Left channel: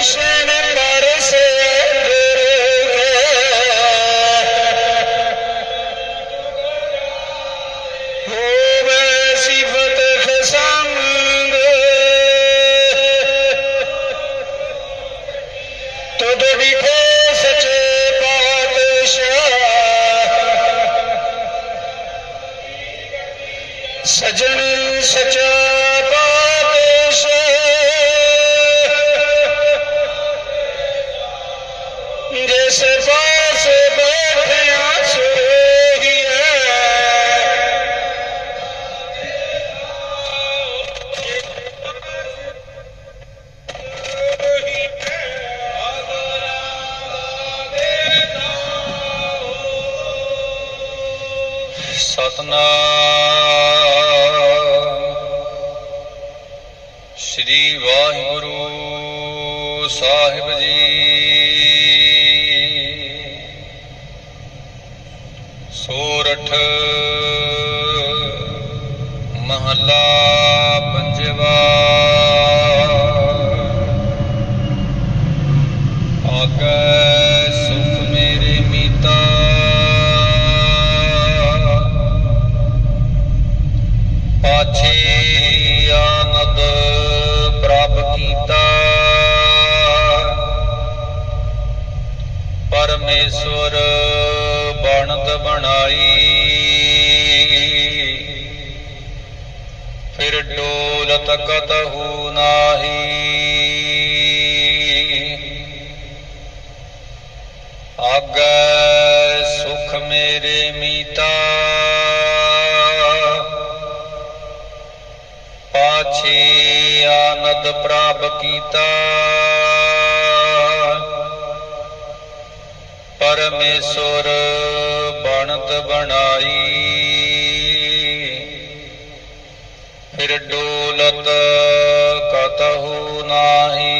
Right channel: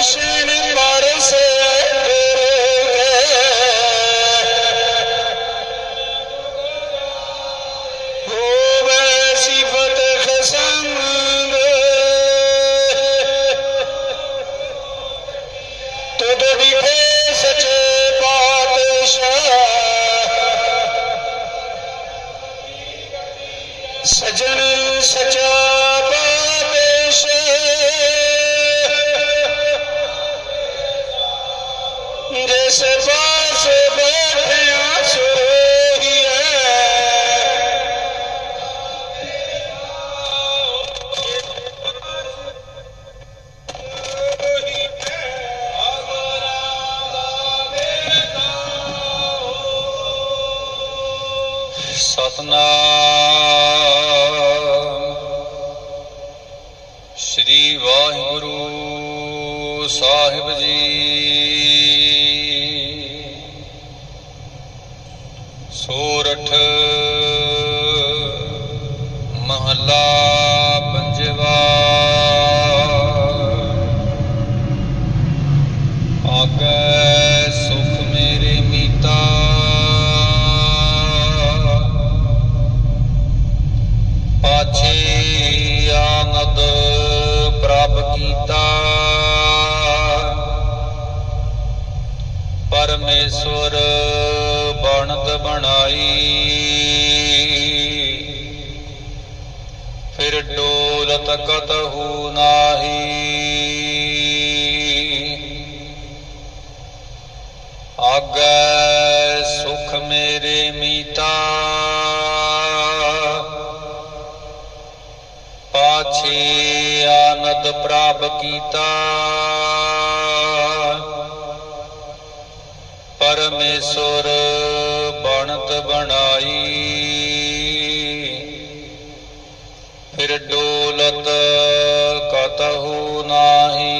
Nation. Lucifer ਮਹਲਾ ਸਕਤ ਹੂ ਨਾਹੀ ਆਗੈ ਸੁਖ ਮੇਰੇ ਮੀਤਾ। ਪਾਛੇ ਆਨੰਦ ਪ੍ਰਾਪ ਕੀਤਾ। ਪਰਮੇਸ਼ਵਰ ਬਣਤ ਬਣਾਈ। ਫਿਰ ਡੋਲਤ ਕਤਹੂ ਨਾਹੀ।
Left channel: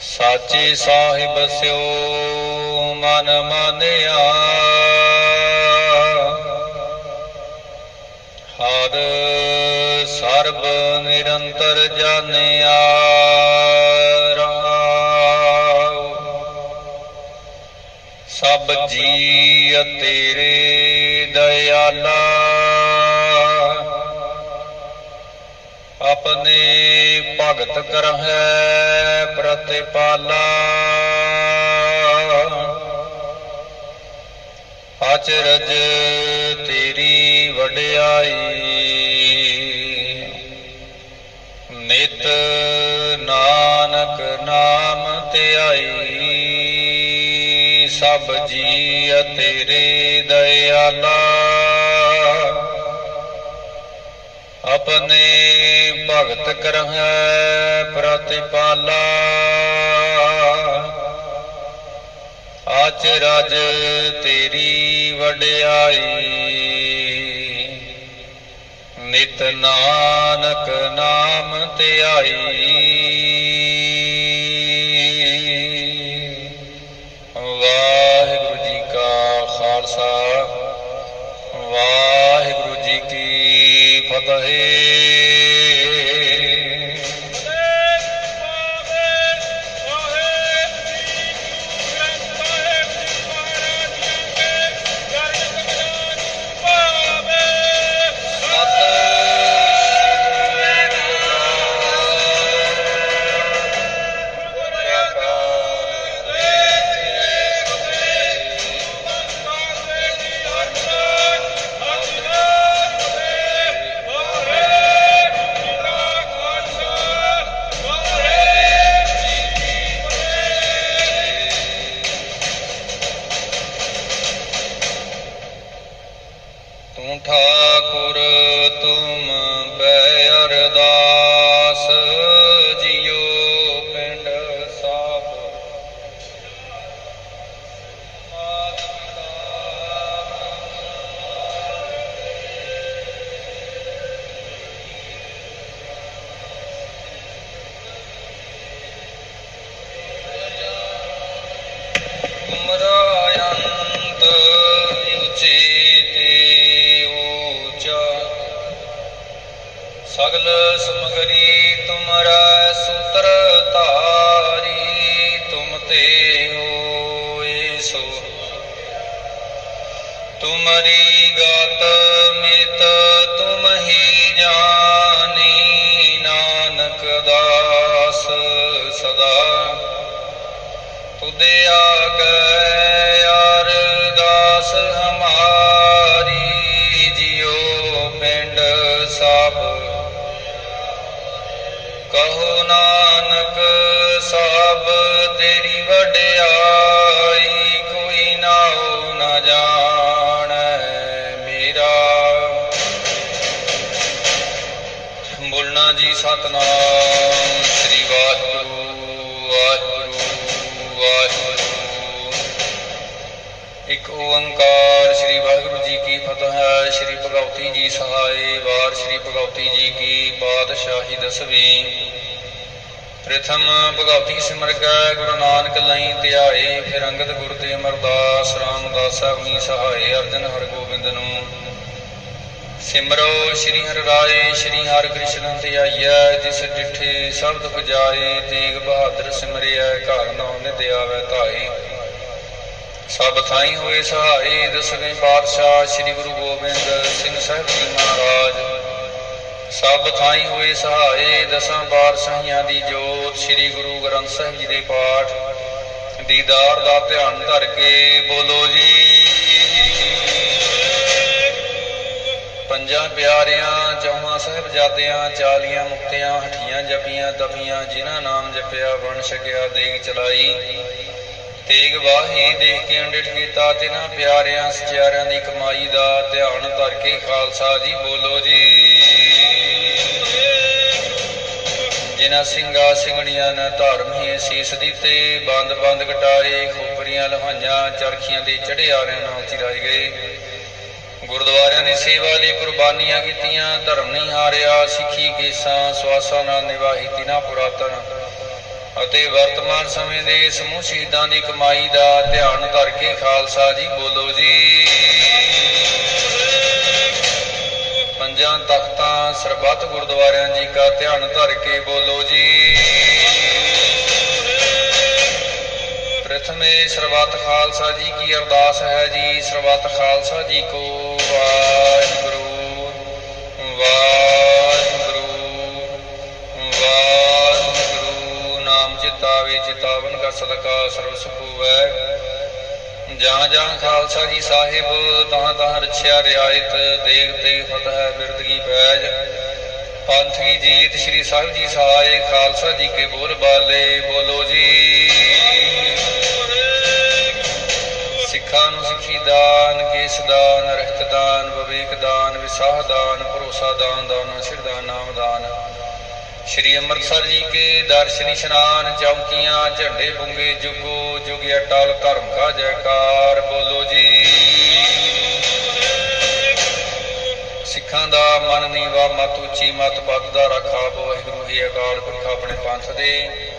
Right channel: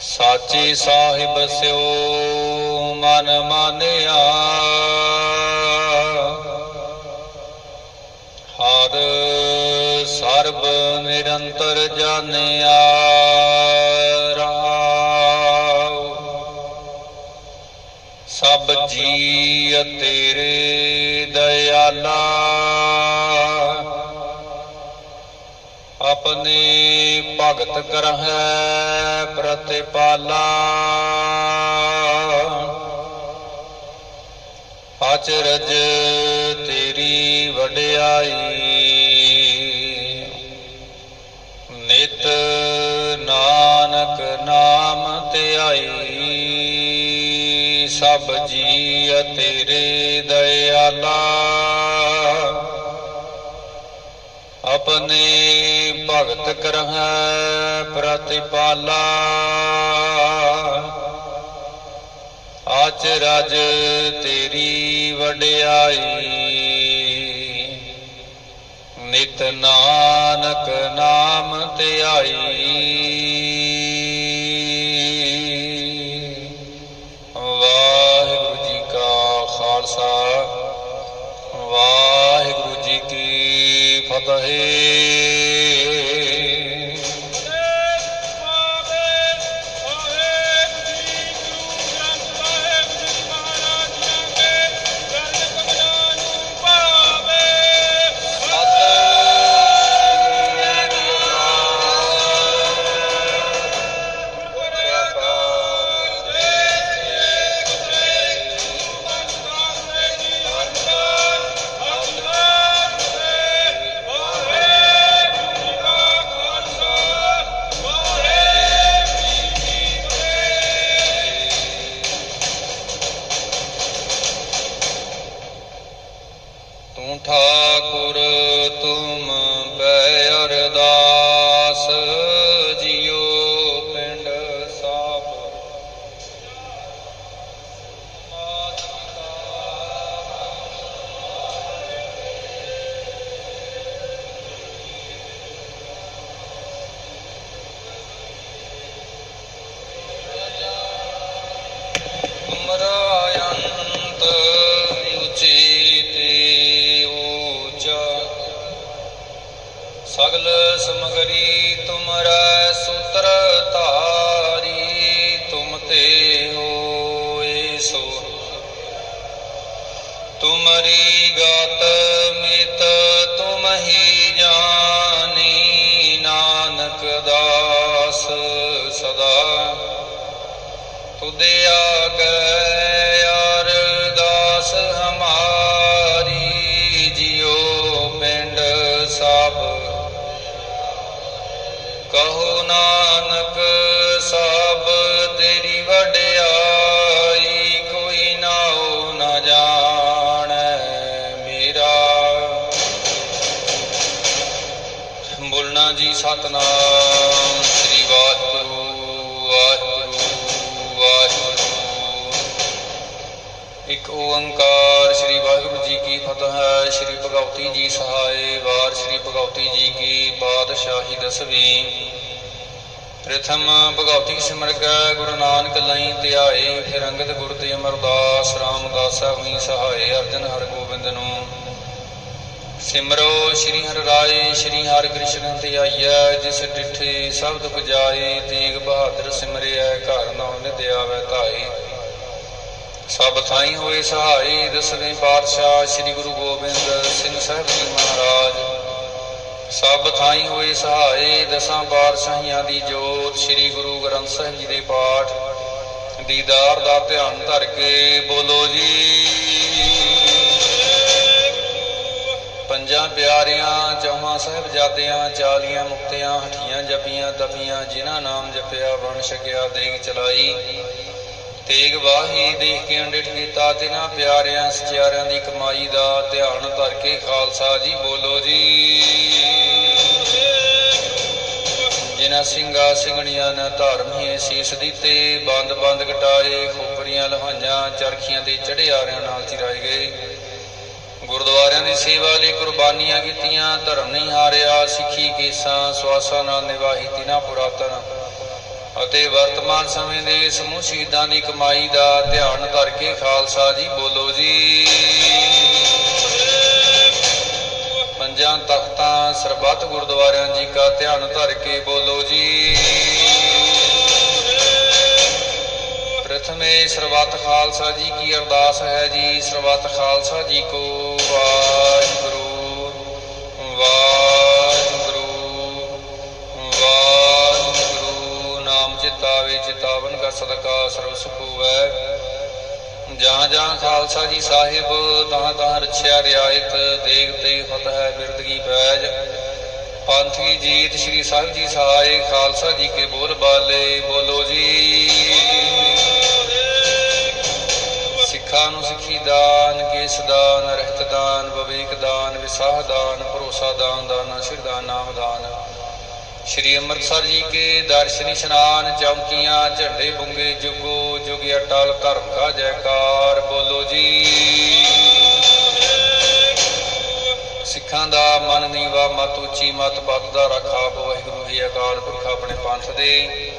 ਸਾਚੇ ਸਾਹਿਬ ਸਿਓ ਮਨ ਮਾਨਿਆ। ਹਰ ਸਰਬ ਨਿਰੰਤਰ ਜਾਣਿਆ ਰਹਾਉ ਸਭ ਜੀ ਤੇਰੇ ਦਇਆਲਾ ਆਪਣੇ ਭਗਤ ਕਰਹਿ ਪ੍ਰਤਿਪਾਲਾ। ਅਚਰਜ ਤੇਰੀ ਵਡਿਆਈ। ਨਿਤ ਨਾਨਕ ਨਾਮ ਧਿਆਈ ਸਭ ਜੀ ਤੇਰੇ ਦਇਆਲਾ। ਆਪਣੇ ਭਗਤ ਕਰਹਿ ਪ੍ਰਤਿਪਾਲਾ ਆਚ ਰਜ ਤੇਰੀ ਵਡਿਆਈ ਨਿਤ ਨਾਨਕ ਨਾਮ ਧਿਆਈ ਤੂੰ ਸਗਲ ਸਮਗਰੀ ਤੁਮਰਾ ਸੂਤਰ ਧਾਰੀ ਤੁਮ ਤੇ ਹੋਏ ਸੋ ਤੁਮਰੀ ਗਾਤ ਕਹੋ ਨਾਨਕ, ਸਭ ਤੇਰੀ ਵਡਿਆਈ ਕੋਈ ਨਾਉ ਨ ਜਾਣੈ ਮੇਰਾ। ਬੋਲਣਾ ਜੀ ਸਤਨਾਮ, ਸ੍ਰੀ ਵਾਹਿਗੁਰੂ ਵਾਹਿਗੁਰੂ ਵਾਹਿਗੁਰੂ। ਇੱਕ ਓੰਕਾਰ ਸ੍ਰੀ ਵਾਹਿਗੁਰੂ ਜੀ ਕੀ ਫਤਿਹ ਹੈ, ਸ੍ਰੀ ਭਗਵਤੀ ਜੀ ਸਹਾਏ ਵਾਰ, ਸ੍ਰੀ ਭਗਵਤੀ ਜੀ ਕੀ ਪਾਤਸ਼ਾਹੀ ਦਸਵੀਂ। ਪ੍ਰਥਮ ਭਗਵਤੀ ਸਿਮਰ ਗੁਰੂ ਨਾਨਕ ਲਈ ਧਿਆਏ ਫਿਰ ਅੰਗਦ ਗੁਰ ਤੇ ਅਮਰਦਾਸ, ਰਾਮਦਾਸ ਹੋਈ ਸਹਾਏ, ਅਰਜਨ ਹਰ ਗੋਬਿੰਦ ਨੂੰ। ਸਿਮਰੋ, ਸ਼੍ਰੀ ਹਰਿ ਰਾਏ, ਸ਼੍ਰੀ ਹਰਿ ਕ੍ਰਿਸ਼ਨ ਧਿਆਈਐ ਜਿਸ ਡਿਠੇ ਸਬਦ ਦੁਖ ਜਾਏ, ਤੇਗ ਬਹਾਦਰ ਸਿਮਰਿਐ, ਘਰ ਨਾਉ ਨਿਧ ਆਵੈ ਧਾਈ ਸਭ ਥਾਈ ਹੋਏ ਸਹਾਈ ਦਸਵੇਂ ਪਾਤਸ਼ਾਹ, ਸ੍ਰੀ ਗੁਰੂ ਗੋਬਿੰਦ ਸਿੰਘ ਸਾਹਿਬ ਜੀ ਮਹਾਰਾਜ। ਸਭ ਥਾਈ ਹੋਏ ਸਹਾਏ, ਦਸਾਂ ਪਾਤਸ਼ਾਹੀਆਂ ਦੀ ਜੋਤ, ਸ੍ਰੀ ਗੁਰੂ ਗ੍ਰੰਥ ਸਾਹਿਬ ਜੀ ਦੇ ਪਾਠ। ਦੀਦਾਰ ਦਾ ਧਿਆਨ ਧਰ ਕੇ ਬੋਲੋ ਜੀ। ਪੰਜਾਂ ਪਿਆਰਿਆਂ, ਚੌਹਾਂ ਸਾਹਿਬਜ਼ਾਦਿਆਂ, ਚਾਲੀਆਂ ਮੁਕਤਿਆਂ, ਹਠੀਆਂ ਜਪੀਆਂ ਤਪੀਆਂ ਜਿਨ੍ਹਾਂ ਨਾਮ ਜਪਿਆ, ਵਣ ਛਕਿਆ, ਦੇਗ ਚਲਾਈ। ਤੇਗ ਵਾਹੀ ਦੇਖ ਕੇ ਅੰਡਿਟ ਕੀਤਾ, ਤਿਨਾਂ ਪਿਆਰਿਆਂ, ਸਚਿਆਰਿਆਂ ਦੀ ਕਮਾਈ ਦਾ ਧਿਆਨ ਧਰ ਕੇ ਖਾਲਸਾ ਜੀ ਬੋਲੋ ਜੀ। ਜਿਨ੍ਹਾਂ ਸਿੰਘਾ ਸਿੰਘਣੀਆਂ ਨਾ ਧਰਮ ਸੀਸ ਦਿੱਤੇ, ਬੰਦ ਬੰਦ ਘਟਾਏ ਖੋਪਰੀਆਂ ਲਹਾਈਆਂ, ਚਰਖੀਆਂ ਦੇ ਚੜਿਆਰਿਆਂ ਨਾਲ ਚਿਰਾਏ ਗਏ। ਗੁਰਦੁਆਰਿਆਂ ਦੀ ਸੇਵਾ ਲਈ ਕੁਰਬਾਨੀਆਂ ਕੀਤੀਆਂ, ਧਰਮ ਨਹੀਂ ਹਾਰਿਆ, ਸਿੱਖੀ ਕੇਸਾਂ, ਸਵਾਸਾਂ ਨਾਲ ਨਿਵਾਹੀ ਤਿਨਾ ਪੁਰਾਤਨ। ਅਤੇ ਵਰਤਮਾਨ ਸਮੇਂ ਦੇ ਸਮੂਹ ਸ਼ਹੀਦਾਂ ਦੀ ਕਮਾਈ ਦਾ ਧਿਆਨ ਧਰ ਕੇ ਖਾਲਸਾ ਜੀ ਬੋਲੋ ਜੀ। ਪੰਜਾਂ ਤਖਤਾਂ ਸਰਬੱਤ ਗੁਰਦੁਆਰਿਆਂ ਜੀ ਕਾ ਧਿਆਨ ਧਰ ਕੇ ਬੋਲੋ ਜੀ। ਪ੍ਰਥਮੇ ਸਰਬੱਤ ਖਾਲਸਾ ਜੀ ਕੀ ਅਰਦਾਸ ਹੈ ਜੀ, ਸਰਬੱਤ ਖਾਲਸਾ ਜੀ ਕੋ ਵਾਹਿਗੁਰੂ ਵਾਹਿਗੁਰੂ ਵਾਹਿਗੁਰੂ। ਨਾਮ ਚਿਤਾਵੇ ਚਿਤਾਵਨ ਕਾ ਸਦਕਾ ਸਰਬ ਸੁਖ ਹੋਵੈ ਜਾਂ ਜਾਂ ਖਾਲਸਾ ਜੀ ਸਾਹਿਬ, ਤਾਂ ਤਾਂ ਰਛਿਆ ਰਿਆਇਤ ਦੇਗ ਤੇ ਫਤਿਹ ਬਿਰਦਗੀ ਬੈਜ ਪੰਥ ਜੀਤ ਸ੍ਰੀ ਸਾਹਿਬ ਜੀ ਸਹਾਏ ਖਾਲਸਾ ਜੀ ਕੇ ਬੋਲ ਬਾਲੇ, ਬੋਲੋ ਜੀ। ਸਿੱਖਾਂ ਨੂੰ ਸਿੱਖੀ ਦਾਨ, ਕੇਸ ਦਾਨ, ਰਹਿਤ ਦਾਨ, ਵਿਵੇਕ ਦਾਨ, ਵਿਸਾਹ ਦਾਨ, ਭਰੋਸਾ ਦਾਨ, ਦਾਨਾ ਸਿਰਦਾਨ ਨਾਮ ਦਾਨ। ਸ਼੍ਰੀ ਅੰਮ੍ਰਿਤਸਰ ਜੀ ਕੇ ਦਰਸ਼ਨ ਇਸ਼ਨਾਨ ਚੌਕੀਆਂ, ਝੰਡੇ ਬੁੰਗੇ, ਜੁਗੋ ਜੁਗ ਅਟਲ ਧਰਮ ਕਾ ਜੈਕਾਰ। ਬੋਲੋ ਜੀ। ਸਿੱਖਾਂ ਦਾ ਮਨ ਨੀਵਾ ਮਤ ਉੱਚੀ, ਮਤ ਪੱਤ ਦਾ ਰੱਖਾ ਵਾਹਿਗੁਰੂ ਜੀ ਅਕਾਲ ਪੁਰਖ ਆਪਣੇ ਪੰਥ ਦੇ।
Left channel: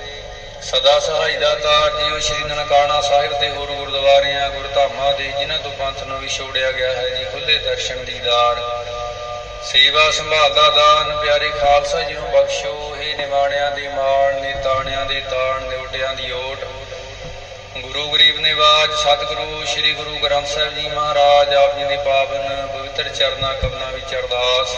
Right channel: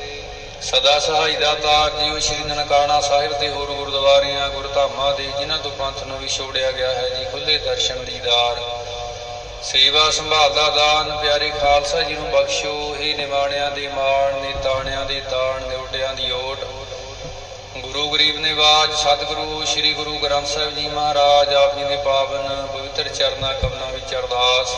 ਸਦਾ ਸਹਾਈ ਦਾ ਤਾਰ ਜੀਓ ਸ਼੍ਰੀ ਨਨਕਾਣਾ ਸਾਹਿਬ ਤੇ ਹੋਰ ਗੁਰਦੁਆਰਿਆਂ, ਗੁਰਧਾਮਾਂ ਦੇ, ਜਿਨ੍ਹਾਂ ਤੋਂ ਪੰਥ ਨੂੰ ਵਿਛੋੜਿਆ ਗਿਆ ਹੈ ਜੀ ਖੁੱਲੇ ਦਰਸ਼ਨ ਦੀਦਾਰ। ਸੇਵਾ ਸੰਭਾਲ ਦਾ ਦਾਨ, ਪਿਆਰੇ ਖਾਲਸਾ ਜੀ ਨੂੰ ਬਖਸ਼ੋ। ਹੀ ਨਿਵਾਣਿਆਂ ਦੇ ਮਾਣ ਨੇ ਤਾਣਿਆਂ ਦੇ ਤਾਣ, ਨਿਉਟਿਆਂ ਦੀ ਓਟ। ਗੁਰੂ ਗਰੀਬ ਨਿਵਾਜ, ਸਤਿਗੁਰੂ ਸ੍ਰੀ ਗੁਰੂ ਗ੍ਰੰਥ ਸਾਹਿਬ ਜੀ ਮਹਾਰਾਜ, ਆਪ ਜੀ ਦੇ ਪਾਵਨ ਪਵਿੱਤਰ ਚਰਨਾਂ ਕਮਲਾਂ ਵਿੱਚ ਅਰਦਾਸ।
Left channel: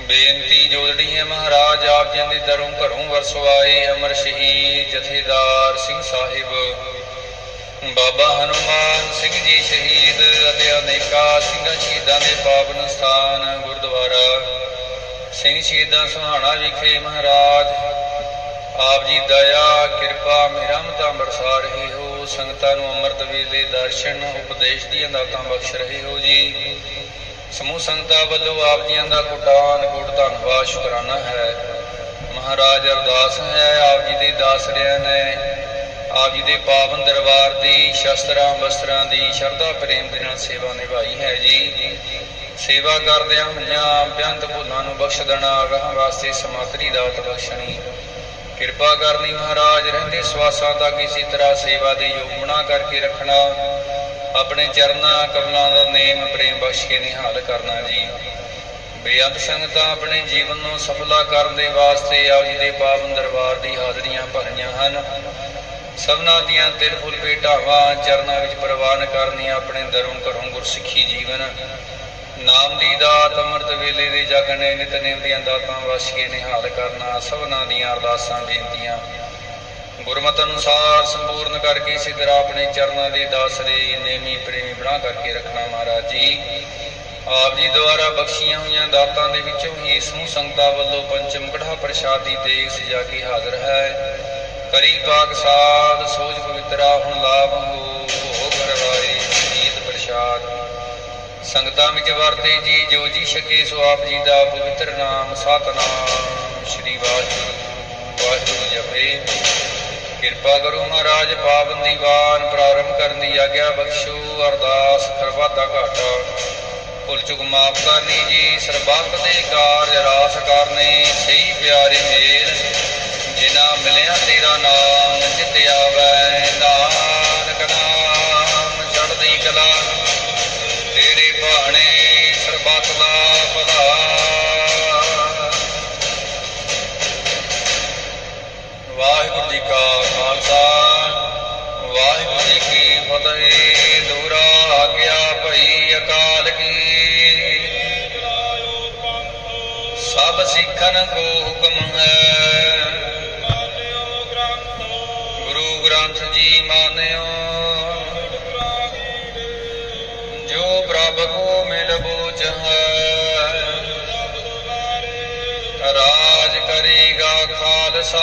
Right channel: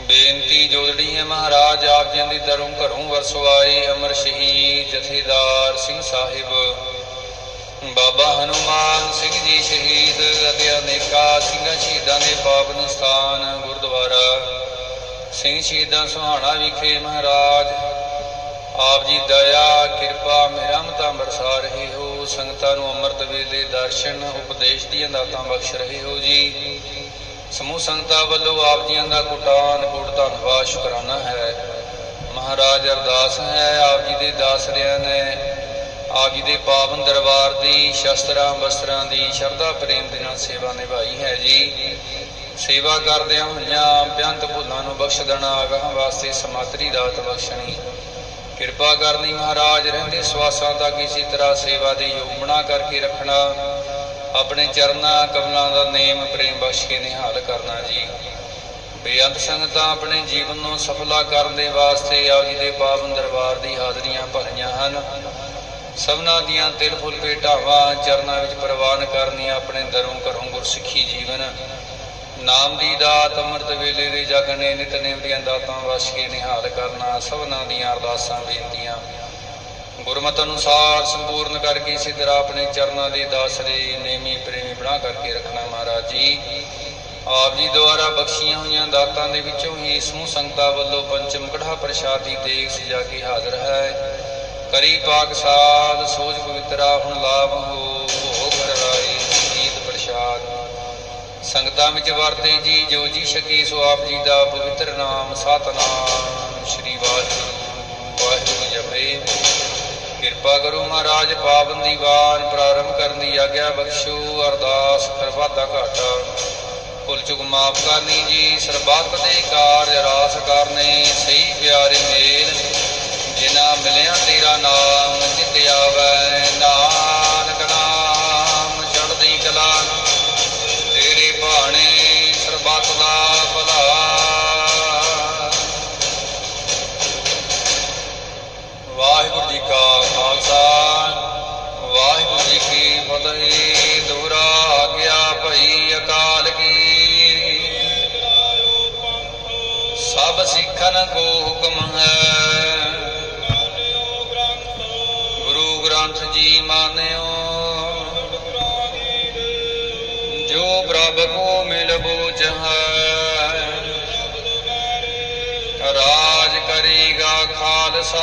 ਬੇਨਤੀ ਜੋੜੜੀ ਹੈ ਮਹਾਰਾਜ, ਆਪ ਜੀ ਦੇ ਦਰੋਂ ਘਰੋਂ ਵਰਸਵਾਏ ਅਮਰ ਸ਼ਹੀਦ ਜਥੇਦਾਰ ਸਿੰਘ ਸਾਹਿਬ। ਬਾਬਾ ਹਨੂਮਾਨ ਸਿੰਘ ਜੀ ਸ਼ਹੀਦ ਅਤੇ ਅਨੇਕਾਂ ਸਿੰਘਾਂ ਸ਼ਹੀਦਾਂ ਦੇ ਪਾਵਨ ਸਥਾਨ ਗੁਰਦੁਆਰਾ ਸਿੰਘ ਸ਼ਹੀਦਾਂ ਸੁਹਾਣਾ ਵਿਖੇ ਮਹਾਰਾਜ, ਆਪ ਜੀ ਦਇਆ, ਕਿਰਪਾ ਮਿਹਰਮਤਾਂ ਬਰਸਾ ਰਹੇ ਹੋ ਸੰਗਤਾਂ ਨੂੰ ਅੰਮ੍ਰਿਤ ਵੇਲੇ ਦਰਸ਼ਨ, ਉਪਦੇਸ਼ ਦੀਆਂ ਦਾਤਾਂ ਬਖਸ਼ ਰਹੇ ਹੋ ਜੀ। ਸਮੂਹ ਸੰਗਤਾਂ ਵੱਲੋਂ ਆਪ ਜੀਆਂ ਦਾ ਕੋਟਾਨ ਕੋਟ ਧੰਨਵਾਦ ਸ਼ੁਕਰਾਨਾ ਹੈ। ਮਹਾਰਾਜ ਅਰਦਾਸ ਹੈ, ਆਪ ਜੀ ਦੇ ਦਾਸਰਿਆਂ ਨੇ। ਆਪ ਜੀ ਦੇ ਪਾਵਨ ਦਰਬਾਰ ਦੀ ਸ਼ਸਤਰਾਂ, ਬਸਤਰਾਂ ਦੀ ਸ਼ਰਧਾ, ਪ੍ਰੇਮ ਦੇ ਨਾਲ ਸੇਵਾ ਨਿਭਾਈ ਹੈ ਜੀ। ਸੇਵਾ ਕਰਦਿਆਂ ਹੋਇਆਂ ਬੇਅੰਤ ਭੁੱਲਾਂ ਨੂੰ ਬਖਸ਼ ਦੇਣਾ ਅਗਾਹ ਵਾਸਤੇ ਸਮਾਤਰੀ ਦਾਤ ਬਖਸ਼ਣੀ। ਕਿਰਪਾ ਕਰਨੀ ਮਹਾਰਾਜ, ਰਹਿੰਦੇ ਸਵਾਸਾਂ ਦਾ ਕਿਸੇ ਤਰ੍ਹਾਂ ਸੇਵਾ ਦੇ ਯੋਗ ਬਣਾ ਕਰਕੇ ਰੱਖਣਾ। ਆਪਣੇ ਚਰਨਾਂ, ਕਮਲਾਂ ਦਾ ਨੇਮ ਪ੍ਰੇਮ ਬਖਸ਼ ਕੇ ਨਿਹਾਲ ਕਰਨਾ ਜੀ। ਬੇਅੰਤ ਸੰਗਤਾਂ ਆਪਣੇ ਜੀਵਨ ਨੂੰ ਸਫਲਾ ਕਰਨ ਦੇ ਵਾਸਤੇ ਆਪ ਜੀ ਦੇ ਪਾਵਨ ਦਰਬਾਰ ਦੀ ਹਾਜ਼ਰੀਆਂ ਭਰੀਆਂ ਹਨ। ਸਭਨਾ ਦੀਆਂ ਤਿਲ ਫੁੱਲ ਭੇਟਾਵਾਂ, ਚਰਨਾਂ ਵਿੱਚ ਪ੍ਰਵਾਨ ਕਰਨੀ ਆਪਣੇ ਦਰੋਂ ਘਰੋਂ ਗੁਰਸਿੱਖੀ ਜੀਵਨ। ਨਾਮ ਦੀ ਦਾਤ ਅੰਮ੍ਰਿਤ ਵੇਲੇ ਦੇ ਜਗਨੇ ਨਿਤਨੇਮ ਦੀਆਂ ਦਾਤਾਂ ਵਸ ਨਿਹਾਲ ਕਰਨਾ, ਸਭਨਾ ਦੀਆਂ ਅਰਦਾਸਾਂ ਬੇਨਤੀਆਂ। ਗੁਰਮਤ ਅਨੁਸਾਰ ਸੰਪੂਰਨ ਕਰਕੇ ਇਸੇ ਆਪਣੇ ਚਰਨਾਂ ਦੇ ਦਾਸਰੇ ਨੇਮੀ ਪ੍ਰੇਮੀ ਬਣਾ ਕਰਕੇ ਰੱਖਣਾ ਮਹਾਰਾਜ ਜੀ। ਆਪ ਜੀ ਦੁਆਰਾ ਬਖਸ਼ੀਆਂ ਹੋਈਆਂ ਦਾਤਾਂ ਦੇ ਵਿੱਚੋਂ ਹੀ ਸਮੂਹ ਸੰਗਤਾਂ ਵੱਲੋਂ ਪੰਚਮ ਕੜਾ ਪ੍ਰਸ਼ਾਦੀ ਦੇਗ ਸਜਾ ਕੇ ਹਾਜ਼ਰ ਹੈ। ਕਰੀ ਪਾਕ ਸਾਧ ਸੋਚ ਪਵਿੱਤਰਾ, ਹੁਣ ਲਾਭ ਹੋ ਸੰਗਤਾਂ ਵਿੱਚ ਵਰਤੇ ਜੀ, ਜੋ ਜੀ ਛਕੇ ਸੋ ਆਪ ਜੀ ਦਾ ਪਵਿੱਤਰ ਨਾਮ, ਸਤਨਾਮ ਸ੍ਰੀ ਵਾਹਿਗੁਰੂ। ਵਾਹਿਗੁਰੂ ਜਪੇ ਕਿਰਪਾ ਕਰੋ ਮਹਾਰਾਜ ਪਾਵਨ ਦੀਵਾਨ ਪ੍ਰਾਰੰਭ ਕਰਨ ਦੀ ਆਗਿਆ ਬਖਸ਼ੋ, ਅਰਦਾਸ ਕਰਵਾਦਾ ਘਾਟਾ। ਭੁੱਲ ਚੁੱਕ ਮਾਫ ਕਰਨੀ ਜੀ, ਸਰਬੱਤ ਦੇ ਕਾਰਜ ਰਾਸ ਕਰਨੇ, ਸਹੀ ਪਿਆਰੇ ਮੇਲ। ਜਿਨਾ ਮਿਲਿਆ ਤੇਰਾ ਨਾਮ, ਜਿਤ ਆਵੈ ਨਾਮ ਜੋ ਪ੍ਰਭ ਕੋ ਮਿਲ ਬੂਝ ਰਾਜ ਕਰੇਗਾ ਖਾਲਸਾ